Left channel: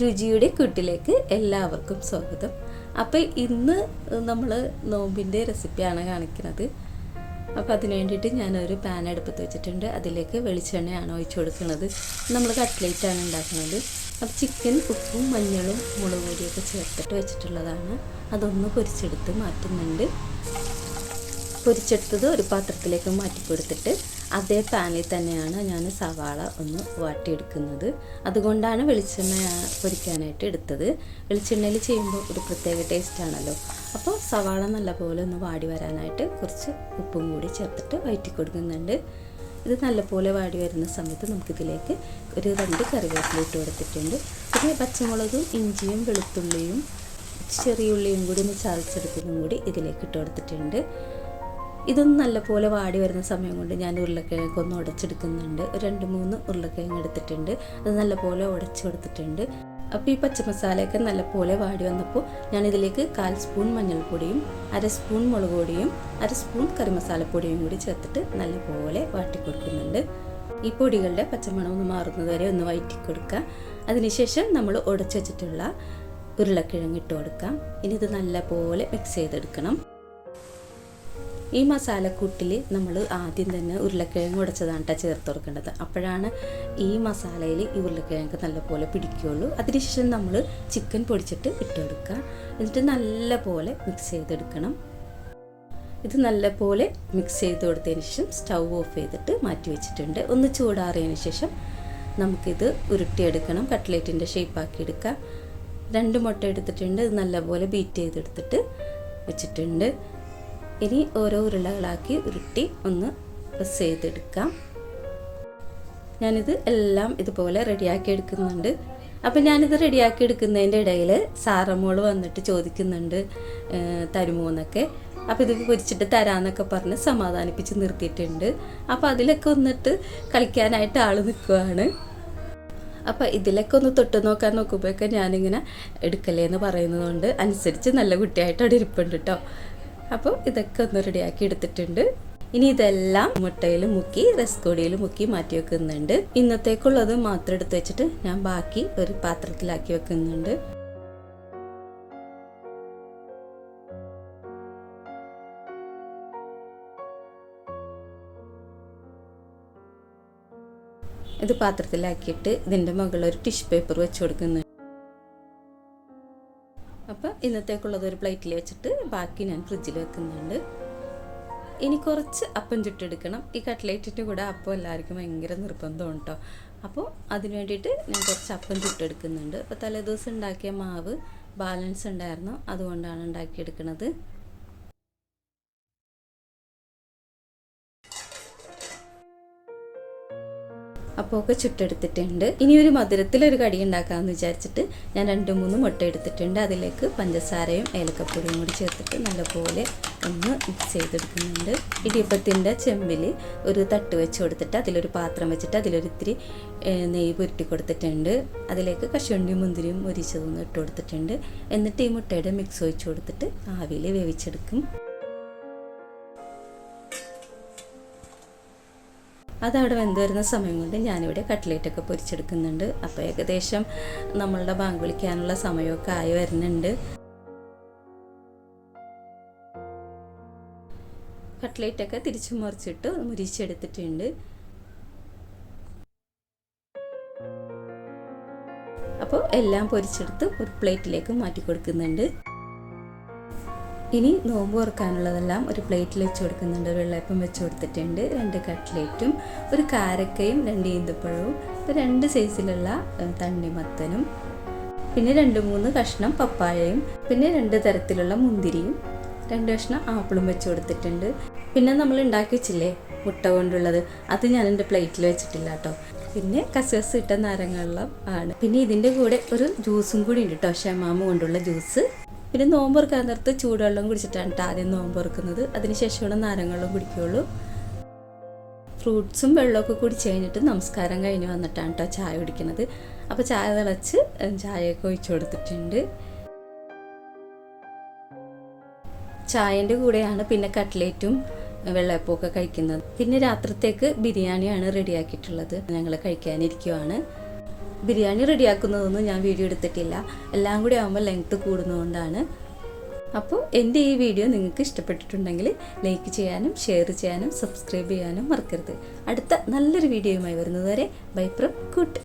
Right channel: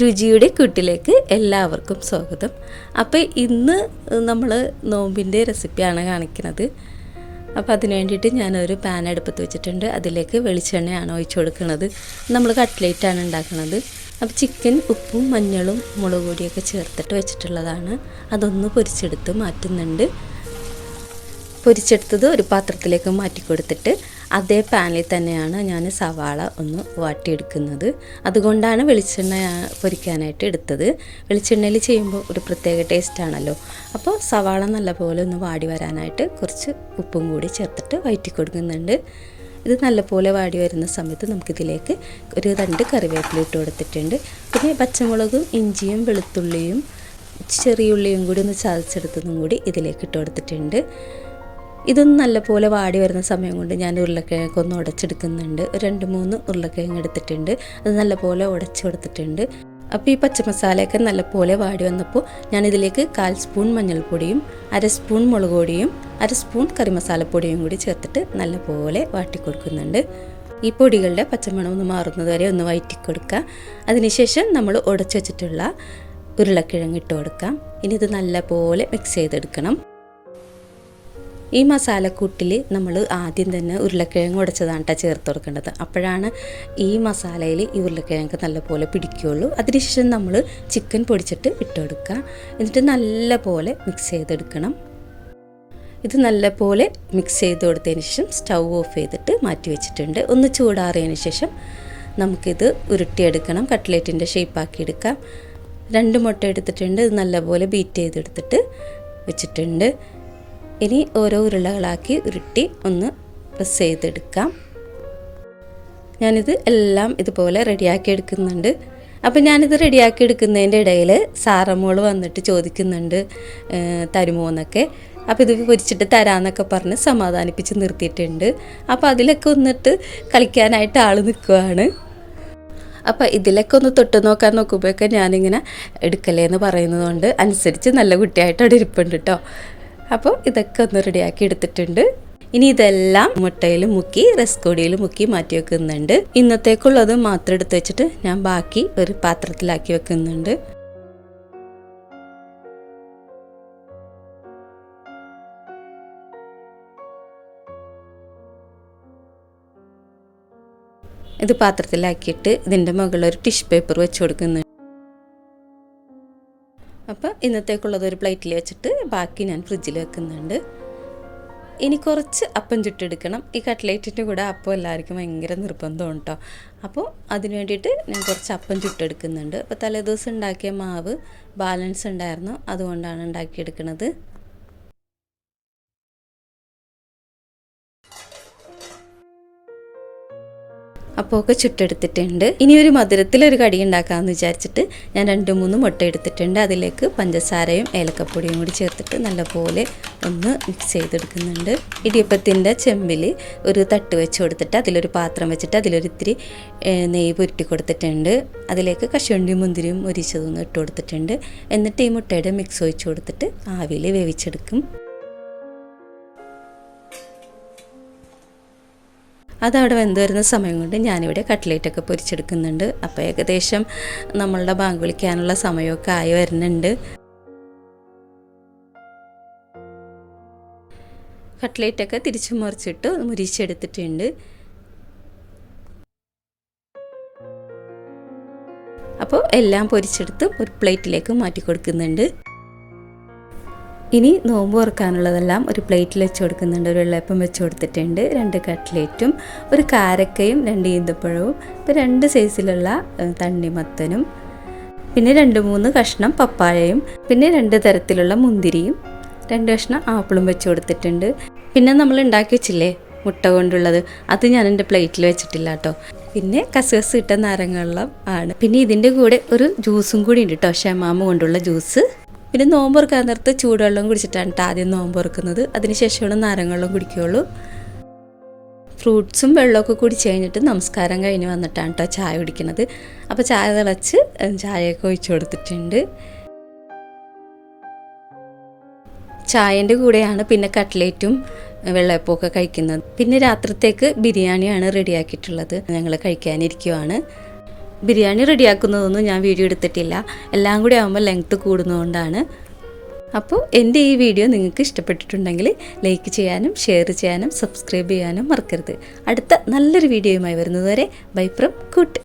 രുചിയുടെ കൂട്ടിലേക്ക് എല്ലാവർക്കും സ്വാഗതം. അപ്പോൾ ഇന്ന് നമ്മൾ നോമ്പിന്റെ റെസിപ്പിയാണ് കാണിക്കുന്നത്. അപ്പോൾ അതിന് വേണ്ടിയിട്ട് ഞാനൊരു പാൻ അടുപ്പത്ത് വെച്ചിട്ടുണ്ട്. അതിലേക്ക് വെളിച്ചെണ്ണയാണ് ഒഴിച്ചു കൊടുക്കുന്നത്. നമ്മൾ കട്ട്ലേറ്റാണ് ഉണ്ടാക്കുന്നത്. അപ്പോൾ ചിക്കൻ ഉപ്പും മഞ്ഞളും മുളക് പൊടിയൊക്കെ ചേർത്തിട്ട് വെച്ചിട്ടുള്ളതാണ്. അതൊന്ന് പൊരിച്ചെടുത്ത് മാറ്റുന്നുണ്ട്. പൊരിച്ചെടുത്തത് ഒരു പാത്രത്തിലേക്ക് മാറ്റി കൊടുത്തിട്ട് അതേ പാനിൽ തന്നെയാണ് ഞാൻ സവാള ഒന്ന് വാട്ടിയെടുക്കുന്നത്. അതുകൊണ്ടാണ് വെളിച്ചെണ്ണ പൊരിക്കാനായിട്ട് എടുത്തത്. വെളിച്ചെണ്ണയിൽ ചെയ്യുമ്പോൾ ഒരു പ്രത്യേക ടേസ്റ്റ് ആണല്ലോ. അപ്പോൾ സവാള നല്ലപോലെ ഒന്ന് വാടി വരാനായിട്ട് കുറച്ച് ഉപ്പും കൂടി ചേർത്തിട്ട് വയറ്റി കൊടുക്കുന്നുണ്ട്. ഇത് നല്ലപോലെ വാടി വരുന്ന സമയത്ത് നമുക്കിതിലേക്ക് ഒരു രണ്ട് കറിവേപ്പില ഇട്ട് കൊടുത്തിട്ടുണ്ട്. പിന്നെ പച്ചമുളകും ഇഞ്ചിയും വെളുത്തുള്ളിയും ചെറിയ ഉള്ളിയും കൂടി ഒന്ന് ചതച്ചെടുത്തതും കൂടി ഇതിലേക്ക് ഇട്ട് കൊടുത്തിട്ടുണ്ട്. ഇതൊന്ന് നല്ലപോലെ വാടി വരുന്ന സമയം കൊണ്ട് ഞാൻ ഉരുളക്കിഴങ്ങൊക്കെ ഒന്ന് ഉടച്ചെടുക്കുന്നുണ്ട്. രണ്ട് മൂന്ന് ഉരുളക്കിഴങ്ങ് എടുത്തിട്ടുണ്ട്. അത് നല്ലപോലെ ഉടച്ചു കൊടുത്തിട്ടുണ്ട്. അപ്പോൾ ഈ പച്ചമസാലയൊക്കെ നല്ലപോലെ വാടി വന്നപ്പോൾ ഞാനിതിലേക്ക് കാൽ സ്പൂൺ മഞ്ഞൾപ്പൊടിയും അര സ്പൂൺ മുളക് പൊടിയും അര സ്പൂൺ കറിമസാലപ്പൊടിയും കൂടി ചേർത്തിട്ട് നല്ലപോലെ വാട്ടി കൊടുക്കുന്നുണ്ട്. ഈ പൊടികളുടെ പച്ചമണം ഒന്ന് മാറുന്നത് വരെ ഒന്ന് വയറ്റി കൊടുക്കുക അതിനുശേഷം നമ്മൾ ഉടച്ചു വെച്ചിട്ടുള്ള ഉരുളക്കിഴങ്ങ് ഇട്ട് കൊടുക്കാം. ഇനി ഇത് നല്ലപോലെ മിക്സ് ചെയ്തെടുക്കണം. ഈ മസാലക്കൂട്ടിൽ നമ്മൾ ആദ്യം തന്നെ ഉരുളക്കിഴങ്ങ് ഉടച്ചതാണ് കേട്ടോ ചേർത്ത് കൊടുക്കേണ്ടത്. അപ്പോഴാണ് ഈ മസാലയിൽ ഈ ഉരുളക്കിഴങ്ങ് നല്ലപോലെ പിടിക്കുകയുള്ളൂ അതിനുശേഷം നമ്മൾ ചിക്കൻ പൊടിച്ചിട്ട് ഇട്ടെടുക്കുക. എന്നിട്ട് നല്ലപോലെ മിക്സ് ചെയ്തെടുക്കണം. ഇത് നല്ലപോലെ മിക്സ് ചെയ്ത് കൊടുത്തതിന് ശേഷം സ്റ്റൗ ഓഫ് ചെയ്തിട്ട് മാറ്റി വെച്ചിട്ടുണ്ട്. ഒന്ന് ചൂടാറിയതിന് ശേഷം നമുക്കിത് ഉരുട്ടിയെടുക്കണം. കട്ട്ലേറ്റിന്റെ ഷേപ്പാക്കി എടുക്കാം. രണ്ട് മുട്ട എടുത്തിട്ടുണ്ട്. ഇത് നല്ലപോലെ ബീറ്റ് ചെയ്തെടുത്തിട്ട് വെച്ചിട്ടുണ്ട്. ഇനി ഓരോ ഉരുളകളാക്കി ഉരുട്ടി ഒന്ന് പ്രസ് ചെയ്തെടുക്കാം. ഞാനിത് എല്ലാം ഇതുപോലെ റെഡിയാക്കി എടുക്കുന്നുണ്ട്. അപ്പം ഞാനിത് റെഡിയാക്കി എടുക്കുന്നതിന്റെ ഇടയിൽ സാറമ്മോൾ വന്നിട്ട് ചോദിക്കുന്നുണ്ട് തരുമോ എന്നൊക്കെ. അപ്പോൾ ഇത് പൊരിച്ചിട്ട് തരാമെന്നൊക്കെ പറഞ്ഞ് സമാധാനിപ്പിച്ച് നിർത്തിയിട്ടുണ്ട്. അപ്പോൾ അതിലൊക്കെ വന്നിട്ട് കളിക്കാനായിട്ട് ആൾ നിൽക്കുവാണ്. അപ്പോൾ ഇതിലൊക്കെ ഒന്ന് തൊട്ട് നോക്കാൻ നോക്കുമ്പോഴൊക്കെ ഞാനിങ്ങനെ എടുക്കലേ എന്ന് പറയുന്നതുകൊണ്ട് അനുസരിച്ച് നല്ല കുട്ടിയായിട്ട് അവിടെ ഇരിപ്പുണ്ട് കേട്ടോ അപ്പോൾ ഇതൊക്കെ ഒന്ന് റെഡിയാക്കി എടുത്തിട്ടുണ്ട്. ഇനി ഇതെല്ലാം മുട്ടയിൽ മുക്കി റെസ്കോടിയിൽ മുക്കി മാറ്റി വെക്കുന്നുണ്ട്. ഇന്നത്തേക്കുള്ളത് മാത്രം എടുത്ത് വെച്ചിട്ട് ഞാൻ ബാക്കി ഒരു പാത്രത്തിലാക്കി വെക്കുന്നുണ്ട്. ഇത് പാത്രത്തിലാക്കിയിട്ട് ഇതിന്റെ മുകളിൽ ഒരു ടിഷ്യൂ പേപ്പർ വെച്ച് കൊടുക്കുന്നുണ്ട്. അപ്പോൾ ഇന്നത്തേക്കുള്ളത് ഒരു പ്ലേറ്റിൽ വെച്ചിട്ട് ബാക്കി ഞാൻ ഫ്രിഡ്ജിൽ വെക്കുന്നുണ്ട്. ഇനി കുറച്ച് അപ്പം ചുട്ടെടുക്കണം. ഈ കട്ട്ലേറ്റിന്റെ കൂടെ അപ്പം എല്ലാവർക്കും ഭയങ്കര നിർബന്ധമാണ് കേട്ടോ. അപ്പോൾ അതിന് വേണ്ടിയിട്ട് ഞാൻ കുറച്ച് അപ്പം ചുട്ടെടുക്കുന്നുണ്ട്. അപ്പോൾ തലേദിവസം ഉണ്ടാക്കിയ മാവ് ബാലൻസ് ഉണ്ടായിരുന്നു. അതുകൊണ്ടാണ് ഉണ്ടാക്കിയെടുക്കുന്നത്. അപ്പോൾ ഒക്കെ ചുട്ടെടുത്തിട്ടുണ്ട്. ഇനി ഒരു മധുരത്തിലൊരു കടി ഉണ്ടാക്കാമെന്ന് വിചാരിച്ചിട്ട് ഞാൻ രണ്ട് മൂന്ന് മുട്ട എടുത്തിട്ടുണ്ട്. അതിലേക്ക് പഞ്ചസാരയും ഏലക്കപ്പൊടിയും കൂടി ചേർത്തിട്ട് നല്ലപോലെ ഒന്ന് മിക്സ് ചെയ്തെടുക്കുന്നുണ്ട്. ഇടിയപ്പത്തിന്റെ ചെമ്പിൽ ഒരു തട്ട് വെച്ച് കൊടുത്തിട്ട് അതിലൊരു പാത്രം വെച്ചിട്ട് അതിലൊരു ഇത്തിരി നെയ്യ് പുരുട്ടി കൊടുത്തിട്ടുണ്ട്. അതിലേക്ക് കശുവണ്ടി മുന്തിരിയും ഒരിച്ചതൊന്നും ഇട്ട് കൊടുത്തിട്ടുണ്ട്. എന്നിട്ട് ഈ മുട്ടയുടെ മിക്സ് ഒഴിച്ച് കൊടുത്തിട്ട് ആവിയിൽ വേവിച്ചെടുക്കും. അതവിടെ വെന്ത് വരുന്ന സമയം കൊണ്ട് ഞാനിവിടെ കട്ട്ലേറ്റൊക്കെ പൊരിച്ചെടുക്കുന്നുണ്ട്. അപ്പോൾ ഏകദേശം നമ്മളുടെ ബാങ്ക് വിളിക്കാനുള്ള സമയമൊക്കെ ആയി വരുന്നുണ്ട്. കട്ട്ലേറ്റൊക്കെ തിരിച്ചു മറിച്ചിട്ട് മുരിച്ചെടുത്തിട്ടുണ്ട്. അപ്പോൾ എല്ലാം പൊരിച്ചെടുത്ത് ഒരു പ്ലേറ്റിലേക്ക് മാറ്റി കൊടുക്കുന്നുണ്ട് ഇനി നോമ്പ് തുറക്കാനുള്ളതെല്ലാം ഒരു പ്ലേറ്റിൽ വെച്ച് കൊടുക്കുന്നുണ്ട്. ഒരു വെള്ളയപ്പം വെച്ച് കൊടുത്തിട്ടുണ്ട്. രണ്ട് കട്ട്ലേറ്റും ഒരു കാരക്കയും രണ്ട് ഈന്തപ്പഴവും ഇപ്പോൾ രണ്ട് സൈസിലുള്ള തണ്ണിമത്തനും പിന്നെ രണ്ട് മൂന്ന് കഷ്ണം പപ്പായയും പിന്നെ രണ്ട് തരത്തിലുള്ള മുന്തിരിയും രണ്ട് കഷ്ണം ആപ്പിളും വെച്ച് കൊടുത്തിട്ടുണ്ട്. പിന്നെ നമ്മൾ ഉണ്ടാക്കി വെച്ചില്ലേ മുട്ട കൊണ്ടുള്ളത്. അത് ഞാൻ എന്റെ പ്ലേറ്റിൽ വെച്ചിട്ടില്ല കേട്ടോ. പിന്നെ കസകസ് ഇട്ട നാരങ്ങവെള്ളം ആണ്. പിന്നെ ഇതിന്റെ കൂടെ ഒരു ജ്യൂസും കൂടി ഉണ്ട് കേട്ടോ. ഷമാമ കൊണ്ടുള്ള ജ്യൂസ്. പിന്നെ നോമ്പ് തുറക്കാൻ നേരത്ത് ചൂടുവെള്ളം കുടിച്ചിട്ടാണ് കേട്ടോ ആദ്യം നോമ്പ് തുറക്കുന്നത് അതിനുശേഷമാണ് നാരങ്ങവെള്ളം കുടിക്കുകയുള്ളൂ. ഫ്രൂട്ട്സും വെള്ളമൊക്കെ കുടിച്ച് കഴിഞ്ഞിട്ട് നമസ്കാരം കഴിഞ്ഞ് വന്നിട്ടാണ് കേട്ടോ ചായ കുടിക്കുന്നത്. അപ്പോൾ ചായ തിളച്ച് ചായയൊക്കെ ഒഴിച്ചു കൊടുത്തിട്ടുണ്ട്. ചായന്റെ കൂടെയാണ് പിന്നെ കട്ട്ലേറ്റും വെള്ളയപ്പമൊക്കെ കഴിക്കുന്നത്. പിന്നെ രാത്രിത്തേക്ക് ബിരിയാണിയാണ് റെഡിയാക്കിയിട്ടുള്ളത്. ഞങ്ങൾ കഴിക്കാനിരിക്കുവാണ്. ബിരിയാണി റെഡിയാക്കുന്നതൊന്നും ഞാൻ വീഡിയോ എടുത്തിട്ടില്ല. എല്ലാം കൂടി ആകുമ്പോൾ ലെങ്ത്ത് കൂടുന്നതുകൊണ്ടാണ്. അപ്പോൾ എന്റെ ഈ വീഡിയോ നിങ്ങൾക്ക് ഇഷ്ടപ്പെട്ടിട്ടുണ്ടെങ്കിൽ ലൈക്ക് ചെയ്യാനും ഷെയർ ചെയ്യാനും സബ്സ്ക്രൈബ് ചെയ്യാനും മറക്കരുത്. അടുത്ത നല്ലൊരു വീഡിയോയുമായി വരുന്നതുവരെ ബൈ ഫ്രം കൂട്ട്